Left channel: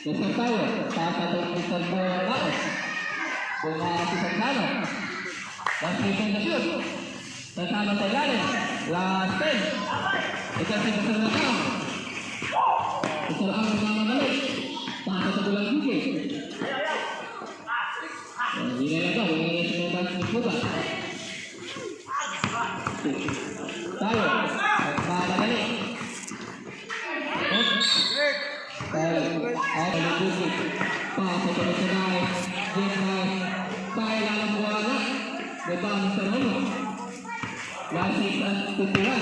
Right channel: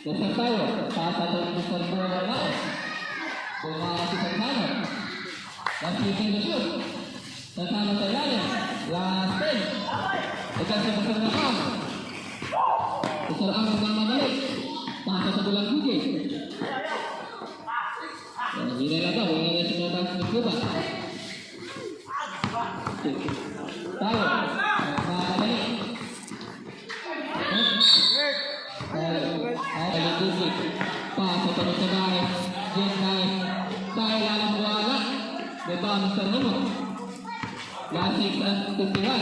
Nasa tayo, papatay ko sa mga lakas. Kung si Santano. Last 15 na shoot. Santano sa ilalim. Last 10. Ito si Basal na ka. Ito ang mamamalik. Pasa sa bulang bukid. Hindi na lang ito. Hindi na sinubang sa buba. Tayo. Mamamalik. Ay, bukid. Pasa sa bulang bukid. Tayo lalang wala. Bebang sa rumo. Last 6 and 21.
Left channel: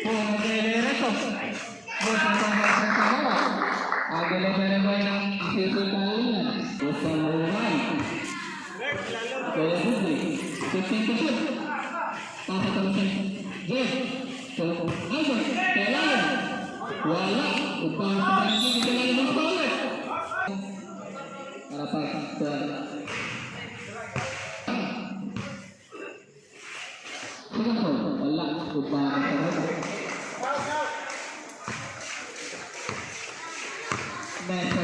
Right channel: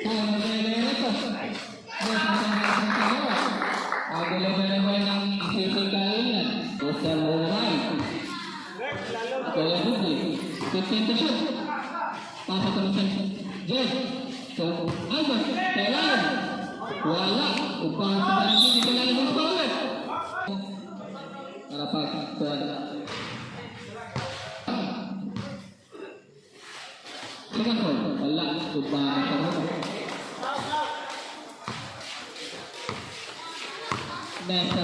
Kung nire-reto. Basta sa mga agalaban ng isisultahan niya. Basta luwan. Kaya bukli. 15 to shoot. Pakatalusan. Jeff. So, Albert. Kailangan. Wala. Upang sa barangay. Kailangan mo sa ulit. Para pagkuhan. Sige po, wala. Upang sa ulit. Next,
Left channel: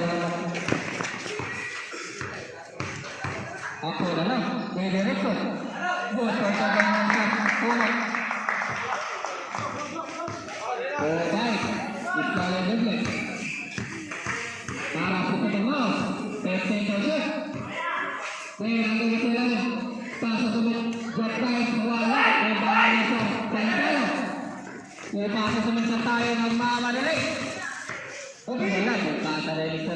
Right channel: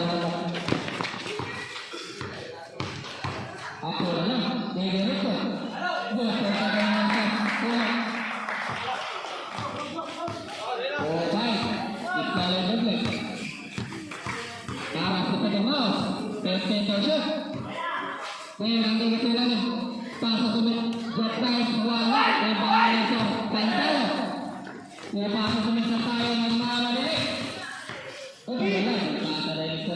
ako na lang. Pwede rin po. Basta sa ganyan sa ulit. Okay. Iskala doble. Para po sa mouse. 15 shoot. Ngayon, ang gagawin namin. Pasok kami. Drop dive. Wala. May bahala sa pantalo. May pasok kami sa tayo ng mga marilig. Okay na lang. Pagkakaray sa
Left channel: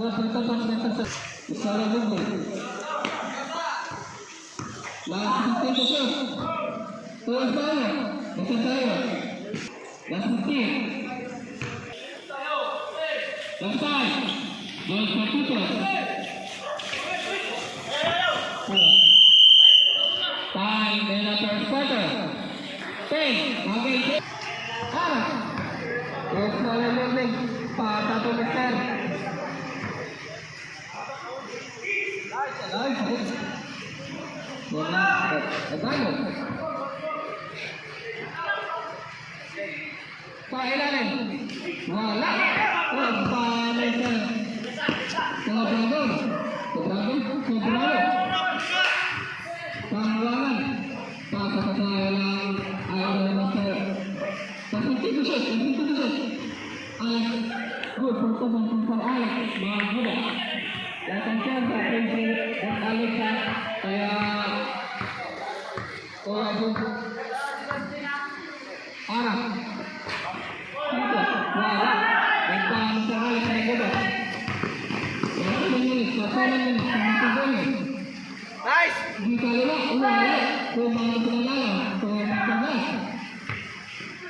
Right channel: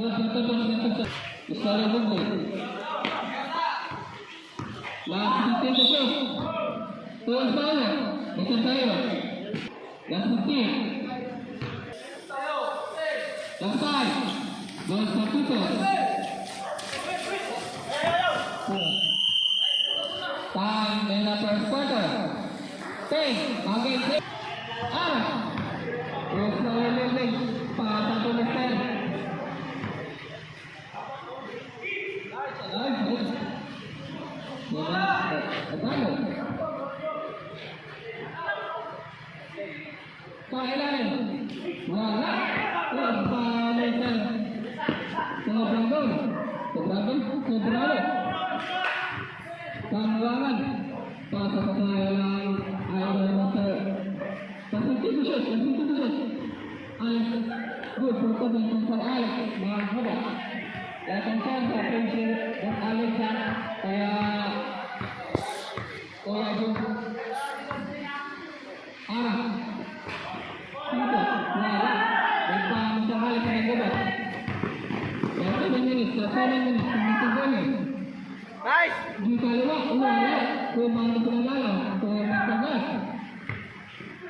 Isara Google. Last 15 to shoot. Two tayo. Ito tayo. Last 15. Last 5. Last 42. Time in the first quarter. 10. Okay. Terus saya moving. Satu besar. Nice! Di kaliwa, ulit. Kung mga pinagala, kung mga pinagala.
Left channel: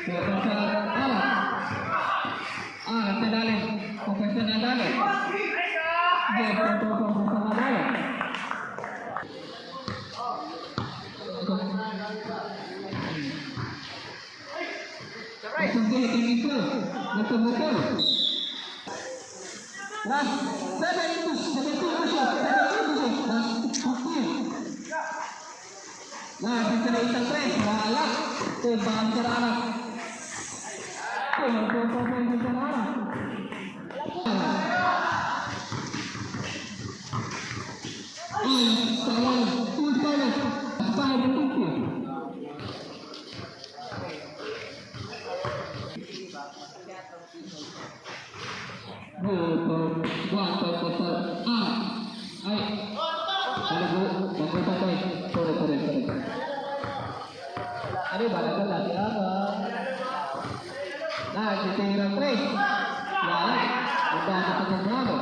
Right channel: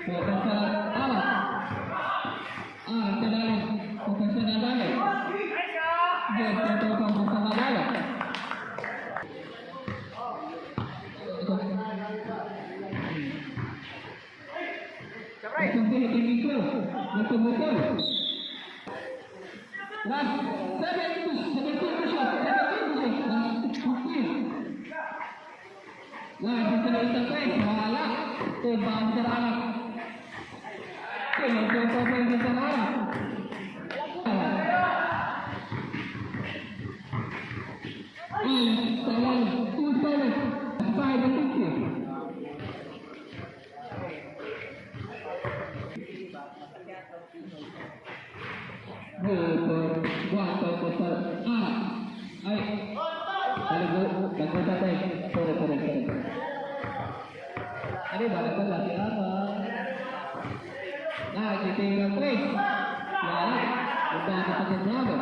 Kaya sa kadali. Kung sa nadali. Di, kung sa nadali. Isang tingin ko. Nagpumukol. Last 7 inches. 7 inches. Nah, bisa kita trace, malah tuh jangan serang. Tuh bisa serang. Salah, tuh salah. Salah betul. Aduh, barangkali lagi apa? Nah, kita yang trace. Ya, udah kita berapa?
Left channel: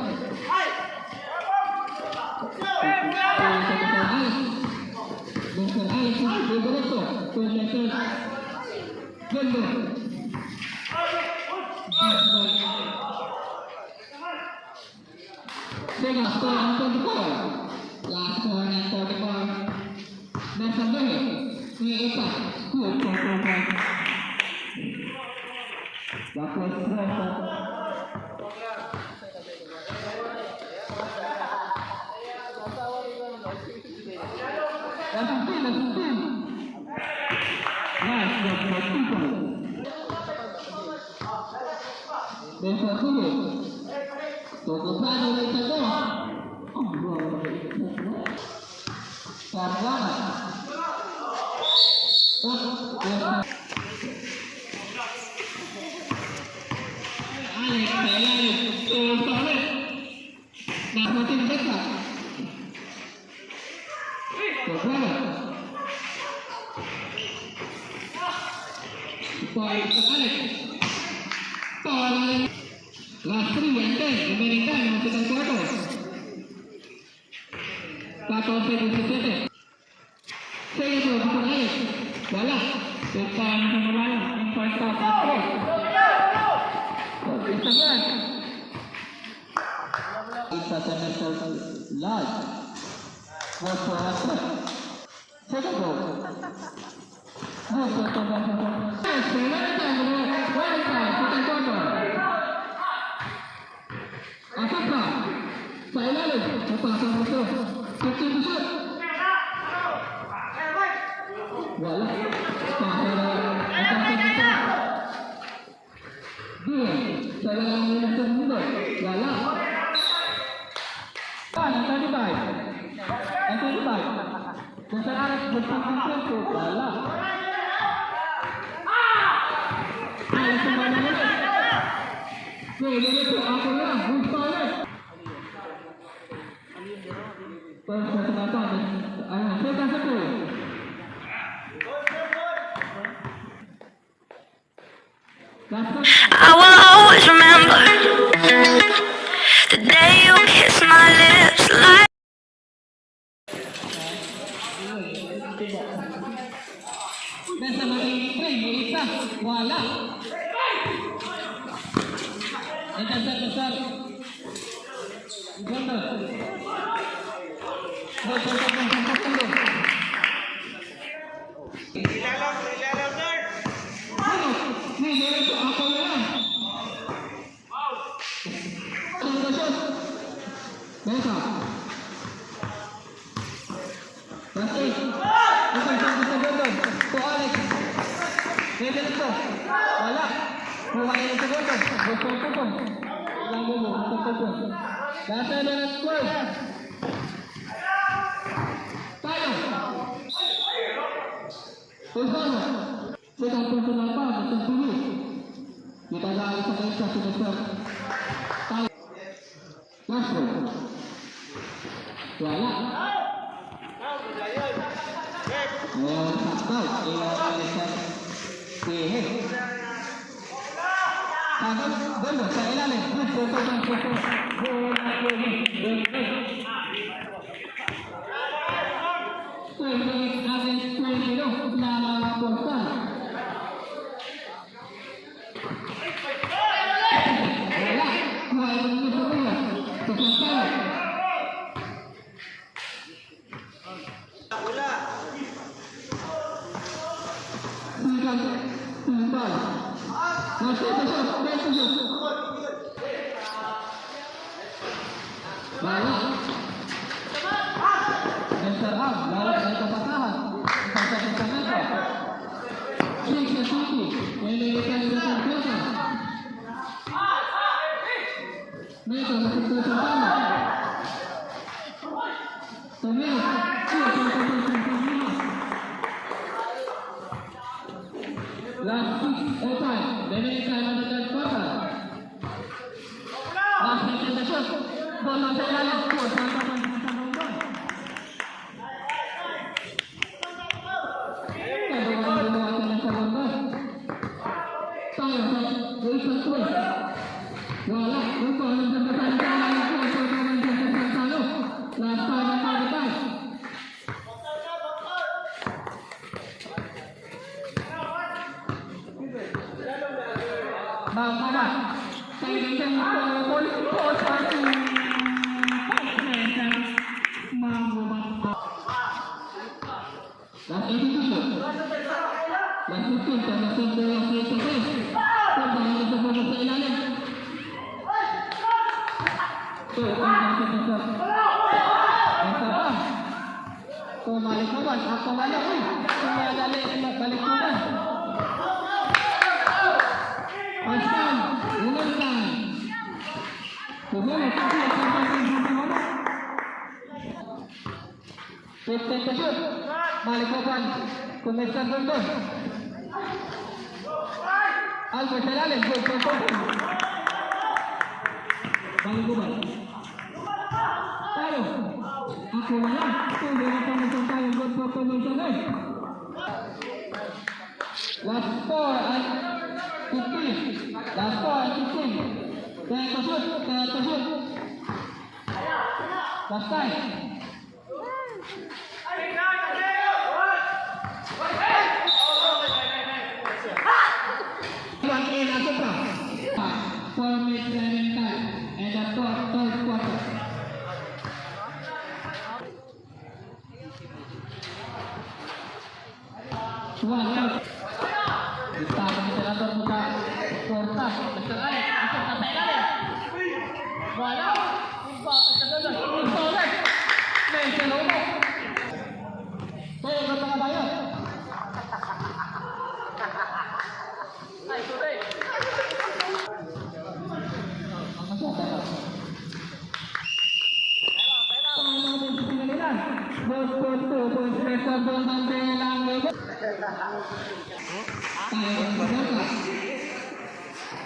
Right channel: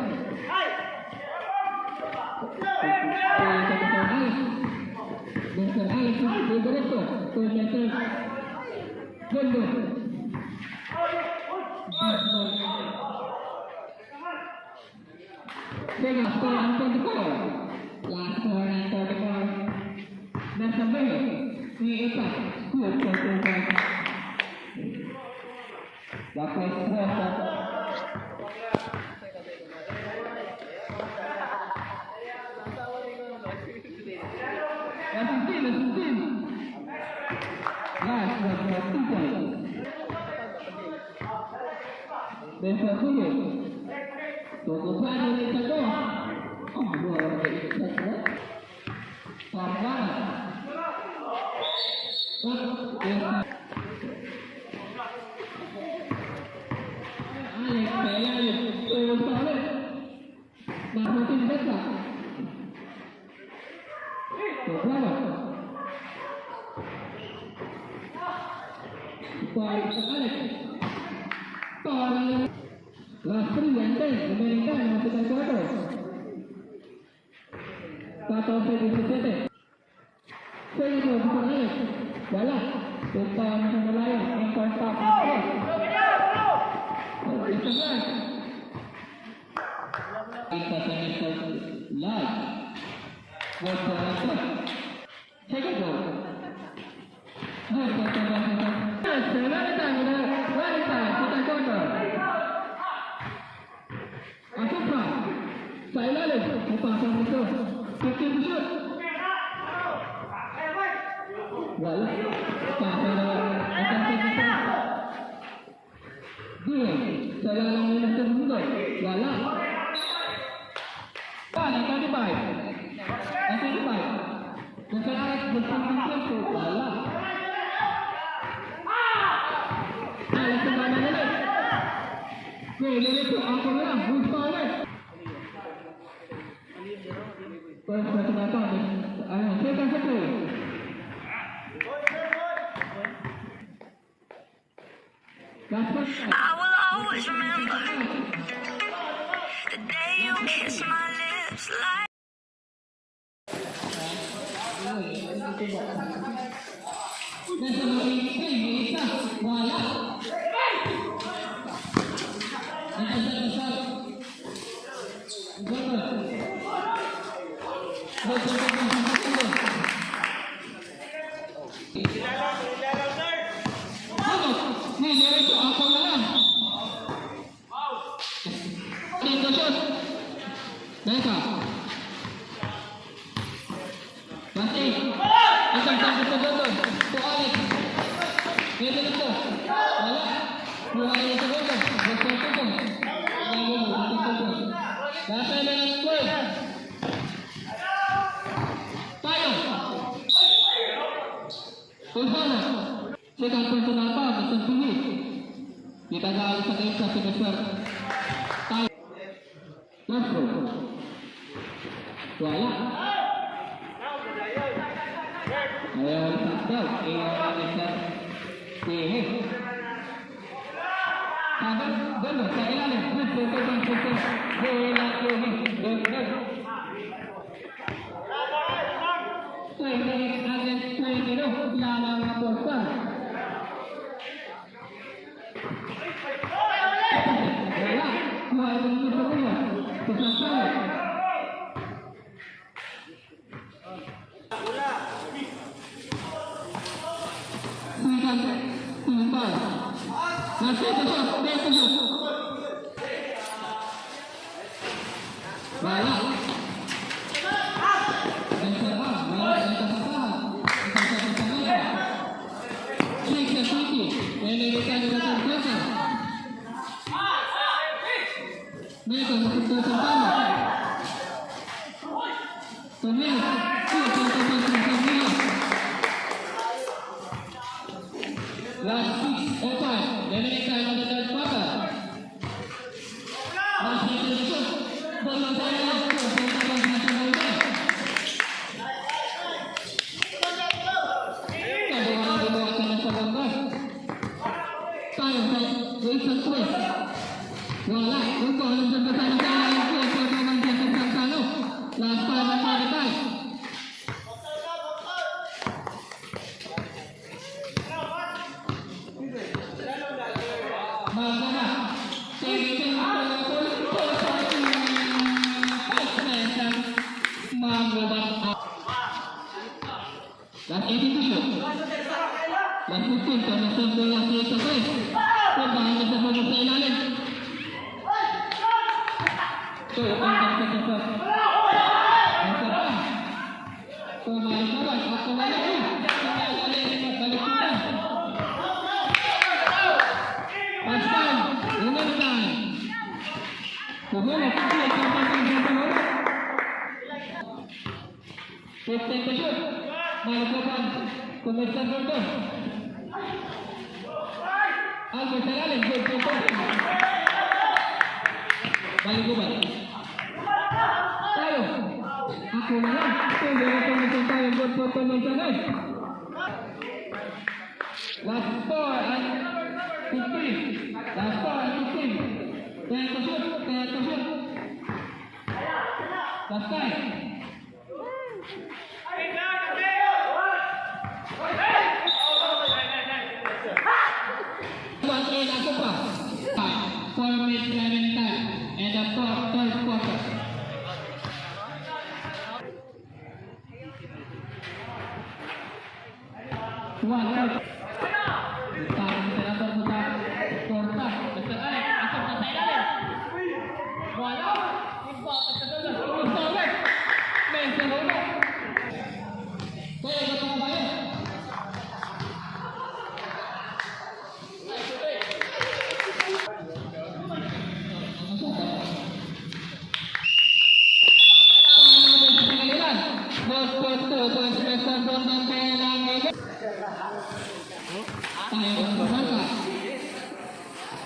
Last 3 and 10, remaining time of the second quarter. 14 17. Saya itu bukan Alex. Wala. Depan pemain yang kuasa kontrol. Itu kan. Kita semester live. Buat apa? Saya tahu. I will always remember the day you Bukan yang segundo. Betul-betul. Yang dulu. Betul-betul. Dasar dengan gol. Tayo. Usano. Second personal foul. Betul tinggi. Kita gali sa game sa semester. Tayo. Last goal. Wala. Ngayon sa goal. Sige. Hanggang dalo sa ilalim. Good for bola po.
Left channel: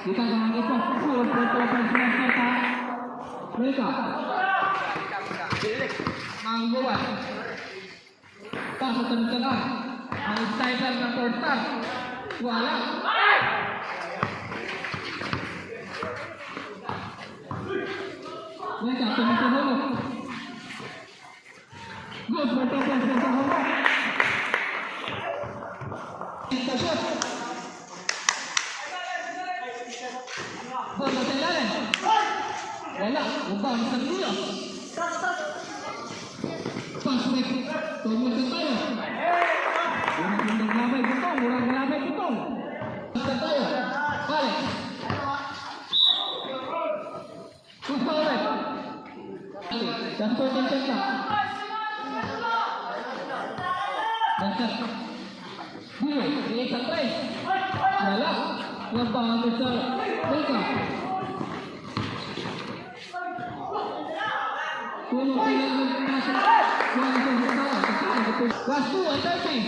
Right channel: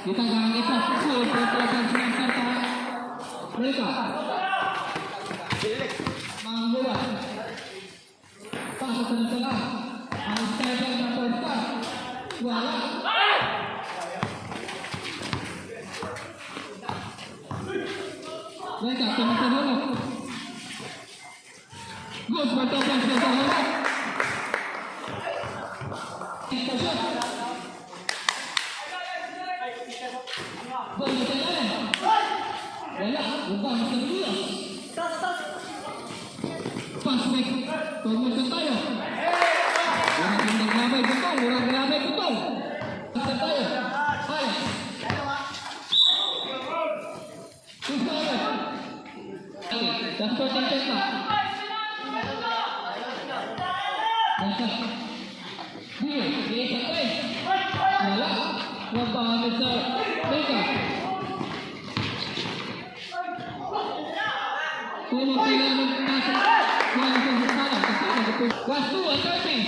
Kita jangan ikut mereka membuat pasukan tengah Al-Saibar mempertak Kuala mereka pemirsa dulu Gus bertobat pemirsa dulu kita shoot bola jalan wala ubah sendiri pas back tumulong tayo orang gelabay betul orang gelabay betul tayo balik balik dan potong tengah dia sampai wala ubah sa Mika. Tulong kailangan nasa mga sana. Last 2 at 30.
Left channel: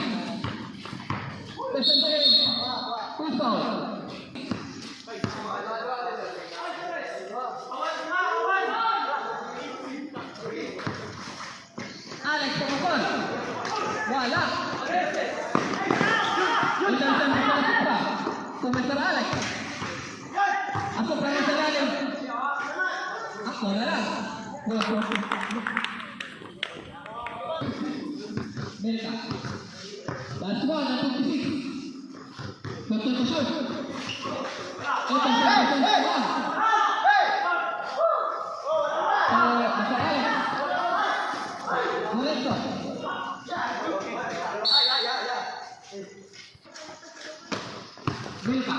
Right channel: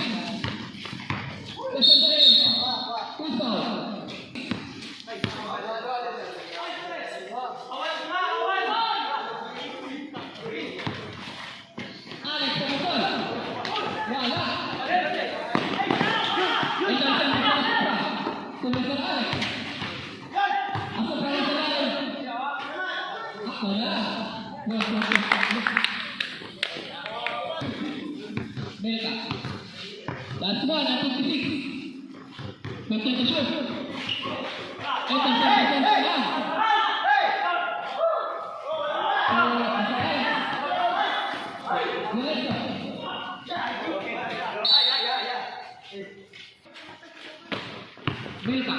Kasandahin. Puso. Alex Pangapon. Wala. Ilang sa mga Kumesar Alex. Ako pa rin sa lalim. Ako na lang. Meta. Last 1 at 56. Magkita shoot. Ito sa defense 1. Meleto. Meta.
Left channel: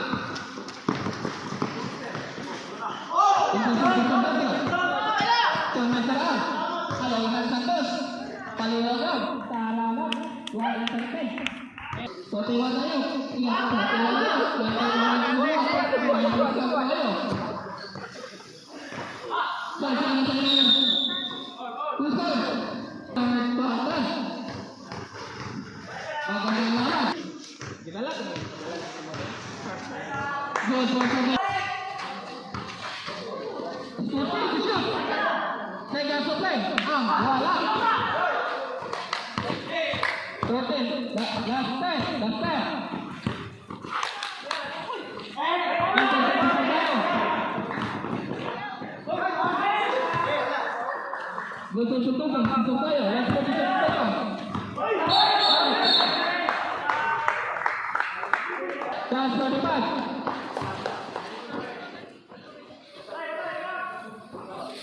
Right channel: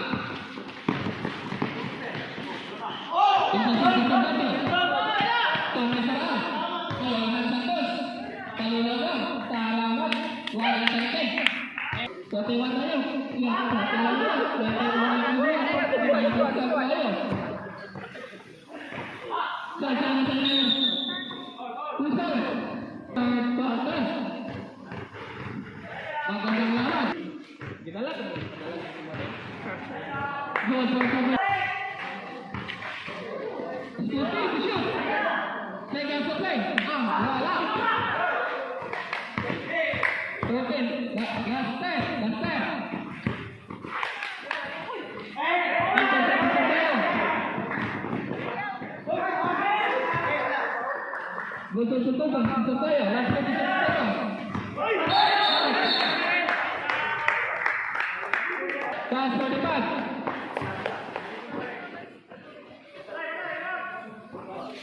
Betul-betul untuk saya,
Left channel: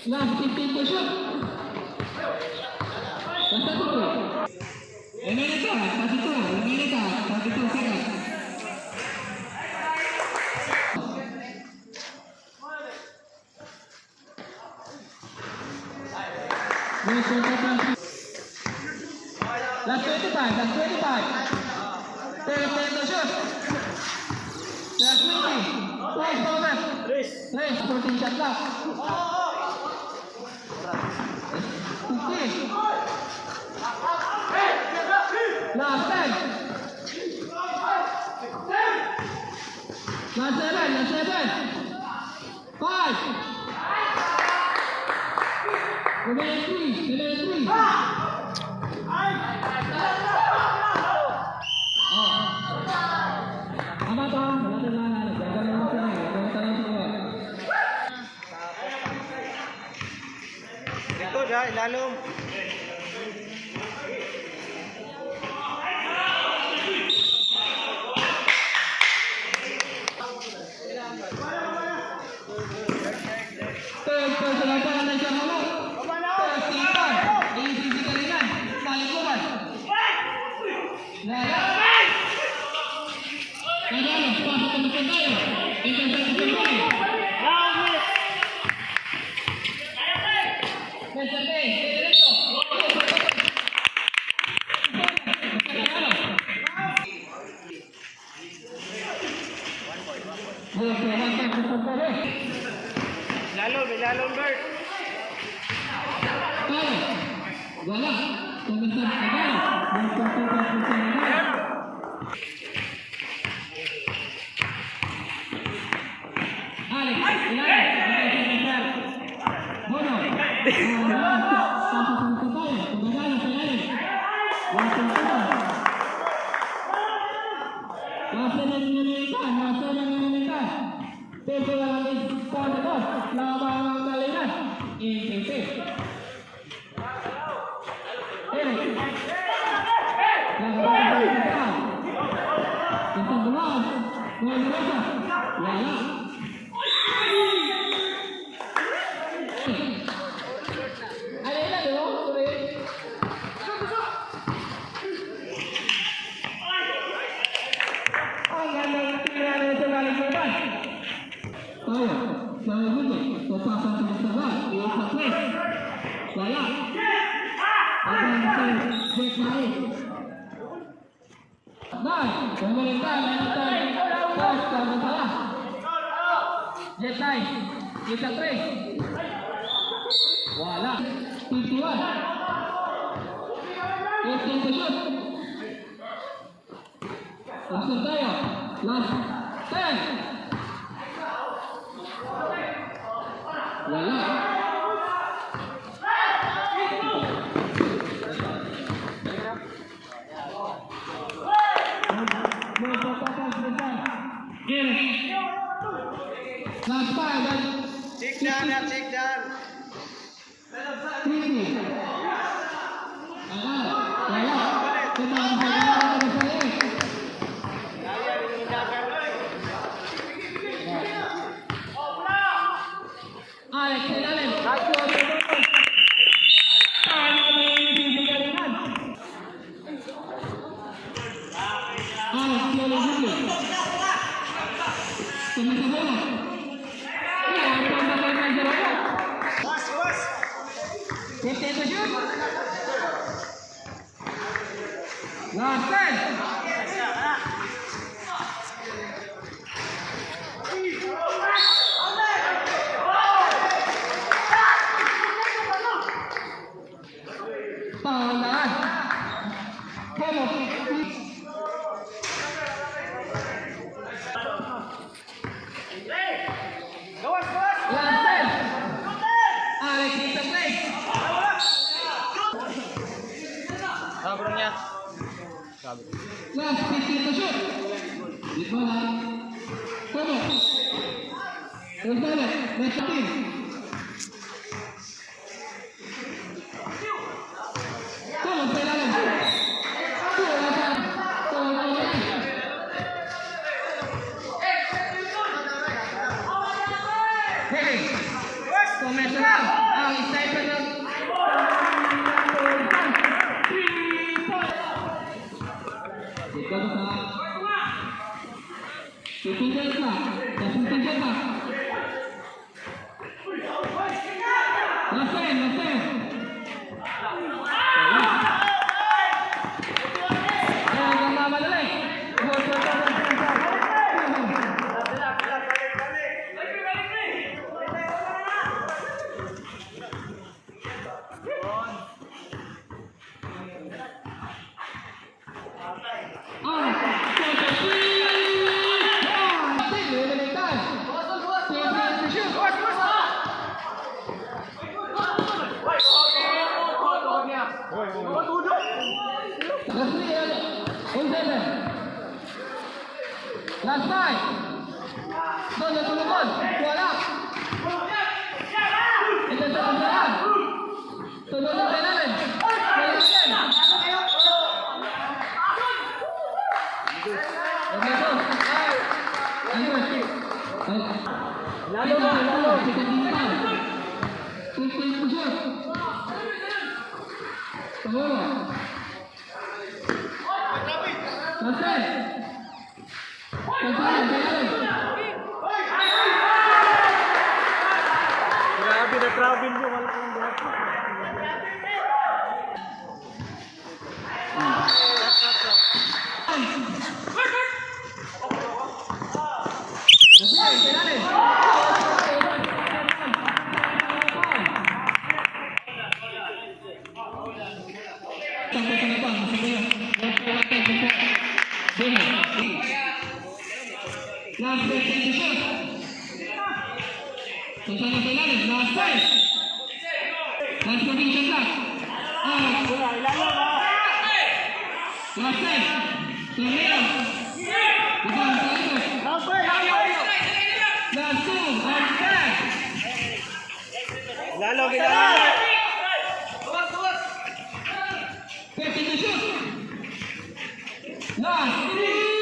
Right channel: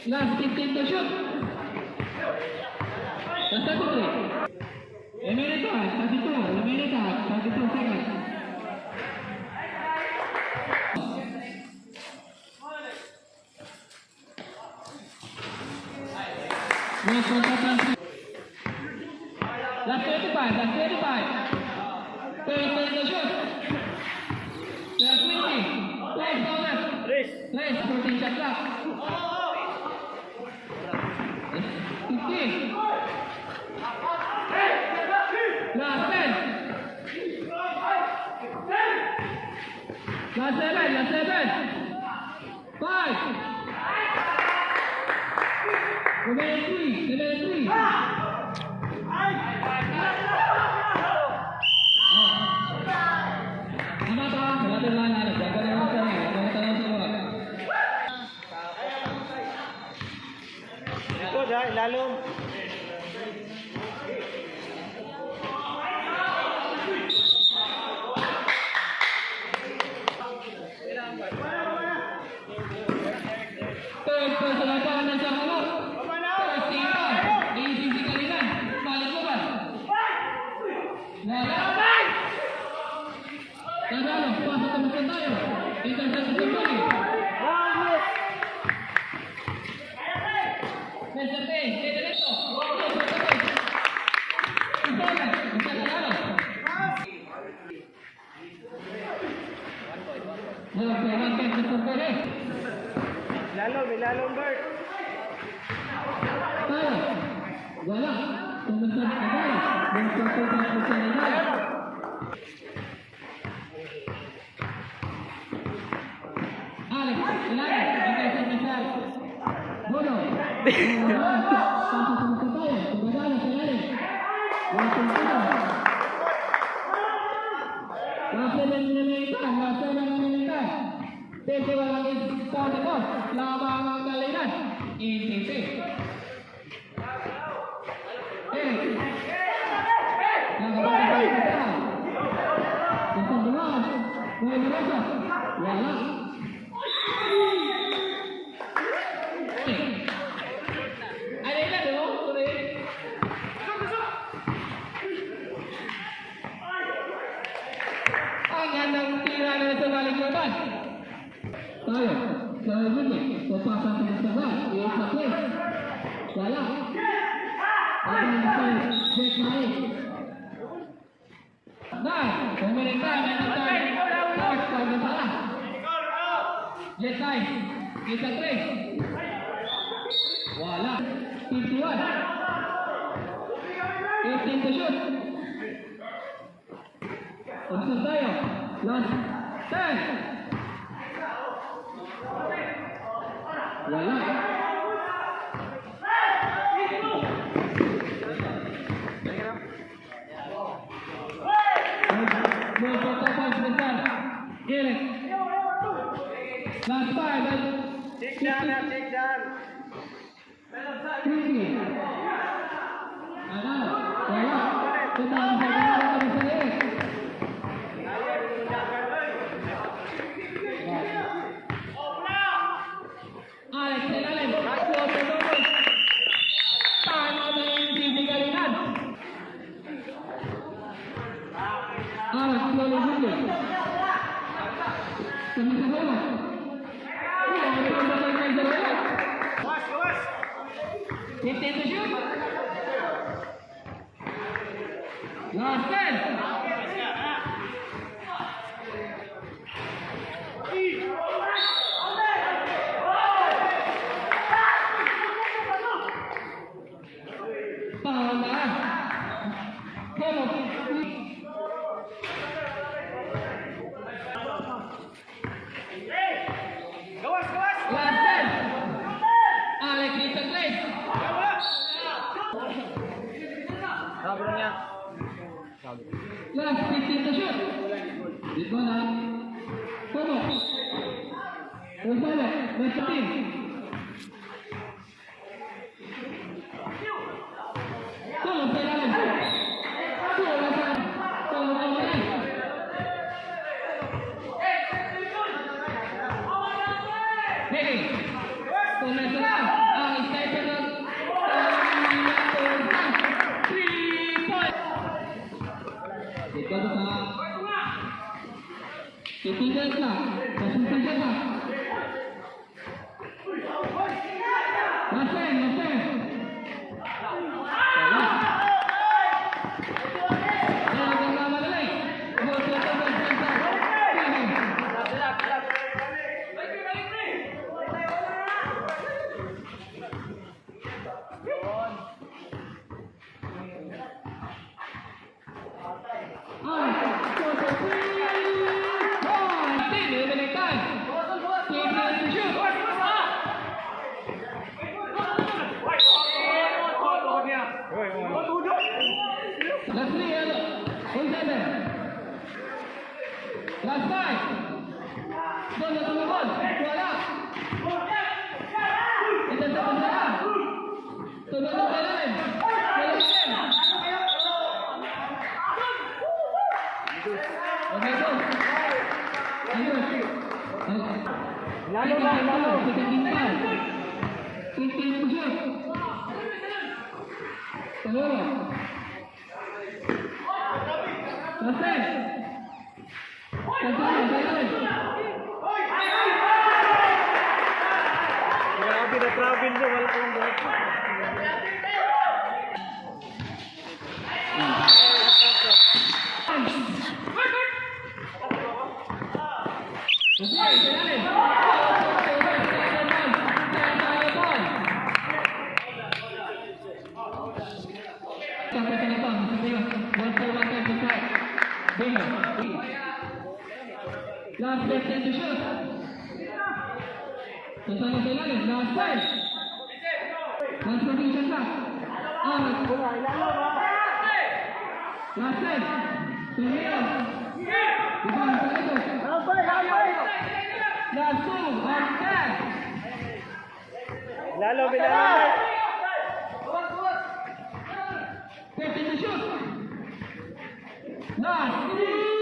Nah, kita shoot. Ini Last 25. Take the shot. Last 20. Twice for that. Race 14 shot clock. 15. Last 10. Last 7. 5. Remaining 3. Ikut dah, lalu. Lalu baik. Wala. Komentar kagaya. Alex, ilalim. Bono. Nah, pemerintah Jet 9. Jet 3. Wala. 51. 15 to shoot. Pasok tayo. Last 10. Wala. Last 5. Check down na, check down. Sabi niya. Sabi. Last 15 to shoot. Di ba na? Tomo. Gonzalo. Last 15. Tomo sa ilalim. Tomo sa ilalim. Hey. Tomo sa ilalim. Ang sniper niya. Ikaw sa tutugan ka, tutugan ka. Lasen. Last five. Sunod. Wala. Ito sa unahan. Sunod na kailangan. Lalo. 15 to shoot. Tawala. Lasen. Grabe na travel nyo. Wala kang buhat. Last 15 to shoot. Susana sa ilalim. Last 5. Last position ka. Last 10. Torneo. Ibang sa ito. Last 2. Last 10. Lalo. 15 to shoot. Last 3.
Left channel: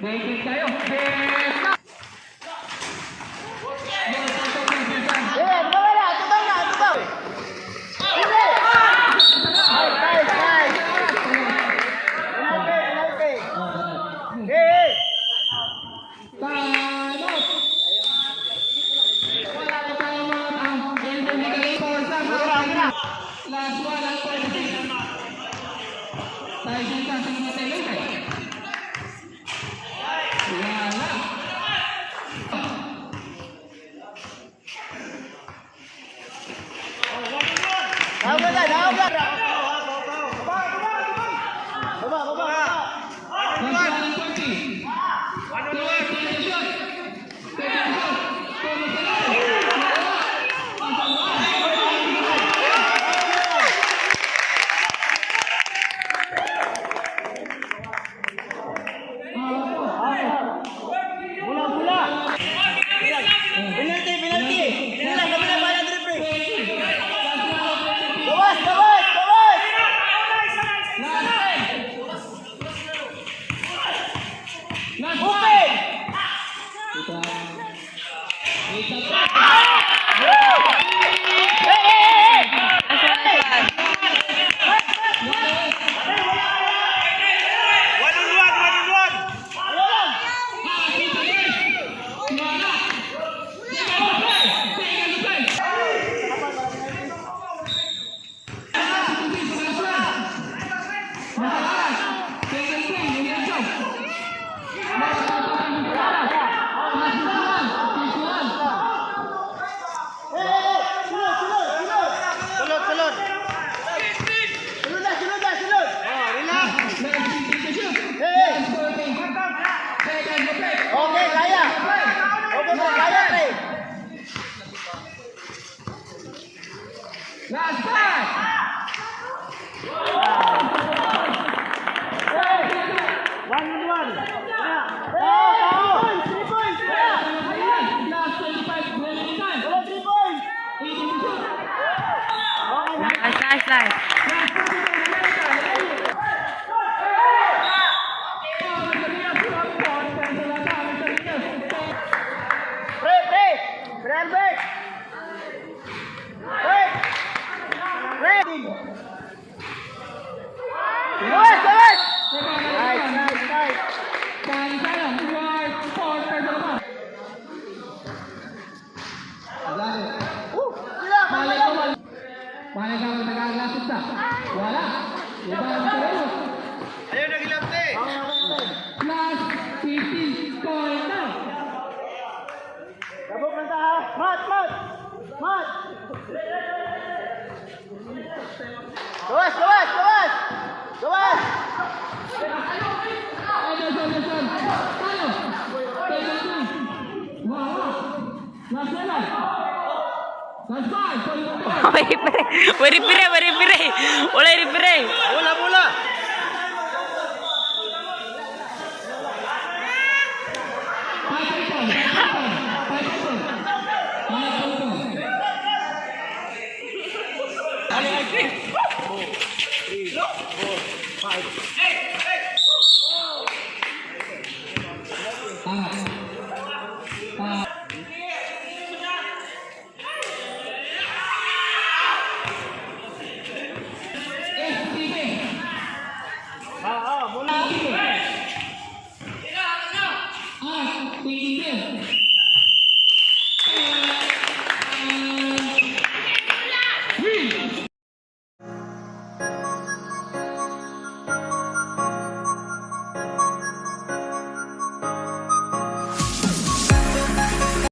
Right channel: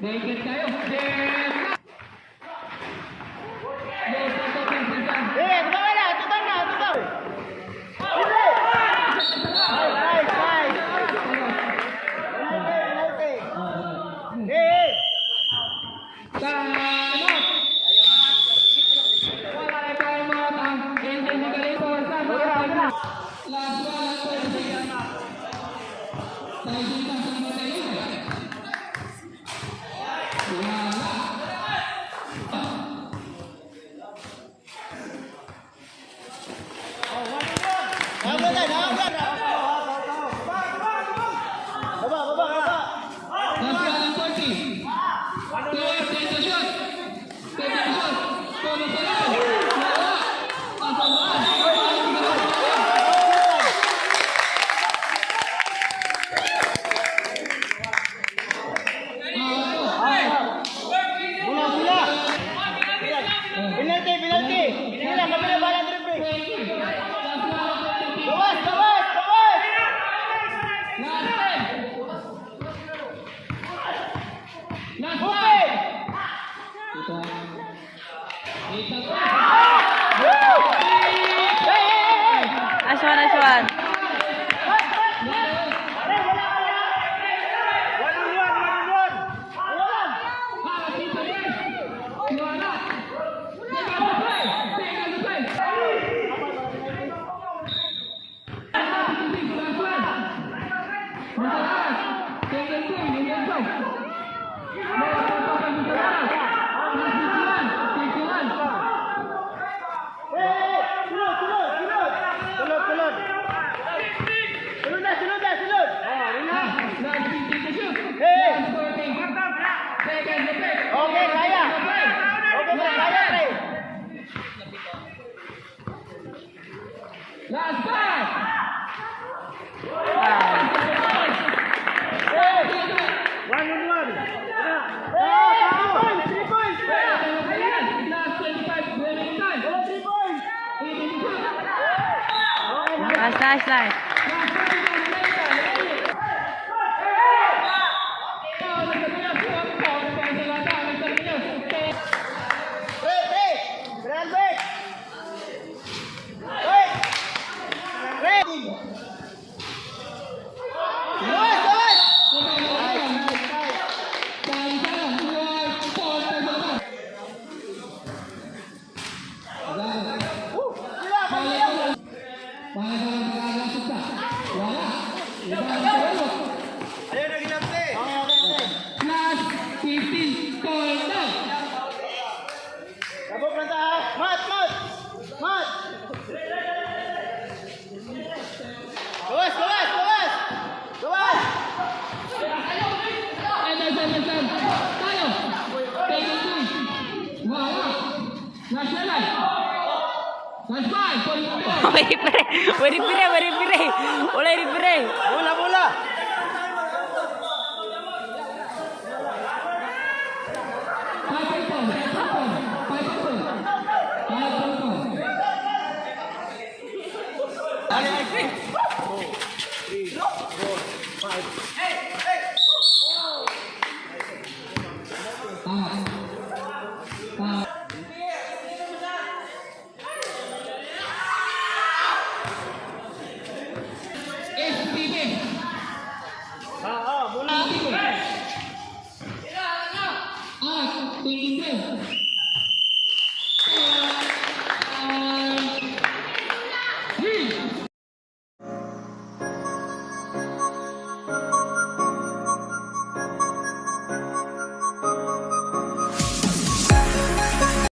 Baitin tayo. Tanot! Wala pa ang mga individual person. Last one ang pwede. Tayo dito sa mga tayo. Wala. Nice one, nice one. Last pass! Nice, nice. Last 15 corner. Anderson. Tayo. Take it in. Wala. Last 7. Last 5. Wari pire. Wala pire. SPB.